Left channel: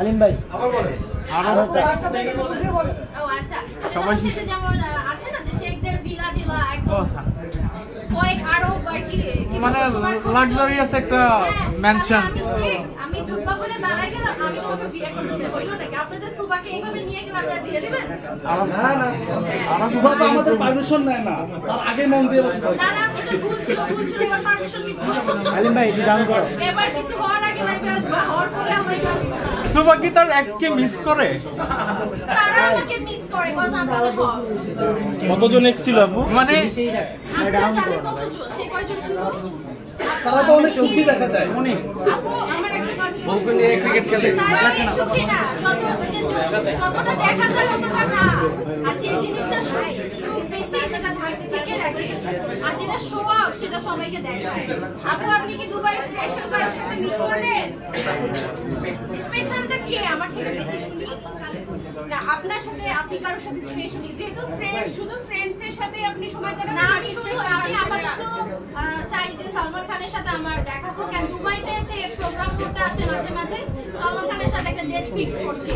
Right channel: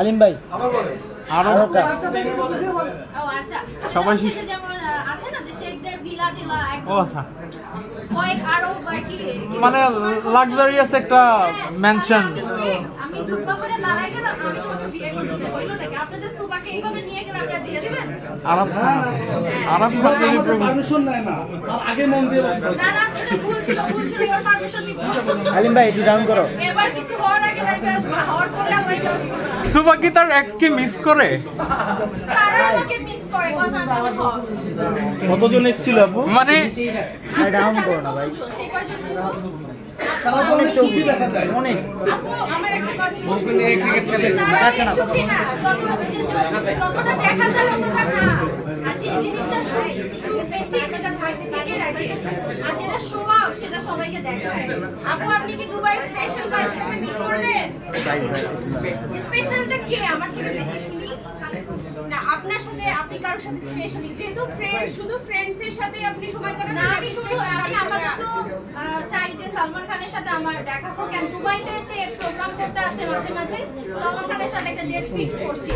আলিম ভাই সবাই যেমন আছে না যে শেখদের ভিলা টিলা একদম কয়েক আরো বাকি মানে লাক্সারিয়াস একটা ম্যানশন। আমি ঢুকবা করে দাঁড়াই গেলাম, আমি শুধু বিয়ে করতে চাই, হইলো নাকি আপনাদের সুবাকে এইভাবে নিয়ে গেলে আপনারা দিয়ে দিবেন? না সুবা তো আমাদের পারমিশন নেয় না, তার আগে মন দিয়ে বসে থাকে। না না ভুল ছিল এবার পারমিশন নিতে হবে। আলিম ভাই একটু ডাউন করো। এবার কিছু হওয়ার আগে লাইভে আসবো, হওয়ার পরে লাইভে আসবো না। সুবা কি তার এক্স কে মিস করে? তারা আমাকে মিস করে কজ আমি অনেক হট। কতজন এক্স ছিল আপু? মানে আপনারা জানেন কতজন, সে কয়জন ছিল? তারা তো অনেক সুখী দেখা যায় অনেক। আপু আমার একটা কথা, বউকে নিয়ে ক্রিকেট খেলে তারা সুখী না, যতটা দেখা যায় ততটা না। আর যে জিনিসটা সুখ বেশি সেটা ঢেকে রাখে, আর যেটা শো অফ সেটা সবাইকে দেখায়। আপু আপনি কি দুবাই স্পেশাল কারোর সাথে মিট করবেন? স্পেশালটা কে আমার থেকে বেশি শুনি? না আপনার সাথে আপনি কারোর সাথে স্পেশালি যেহেতু ফ্রেন্ড শুধু ফ্রেন্ডস এর সাথে আপনি সময় কাটান না, আমি আপাতত চাই যে সালমান খানের সাথে আমার দেখা হোক। দুবাইতে এসে প্রোগ্রাম করতে আসে মাঝে মাঝে, সালমান খানের সাথে একটা ডেট ফিক্স করছি।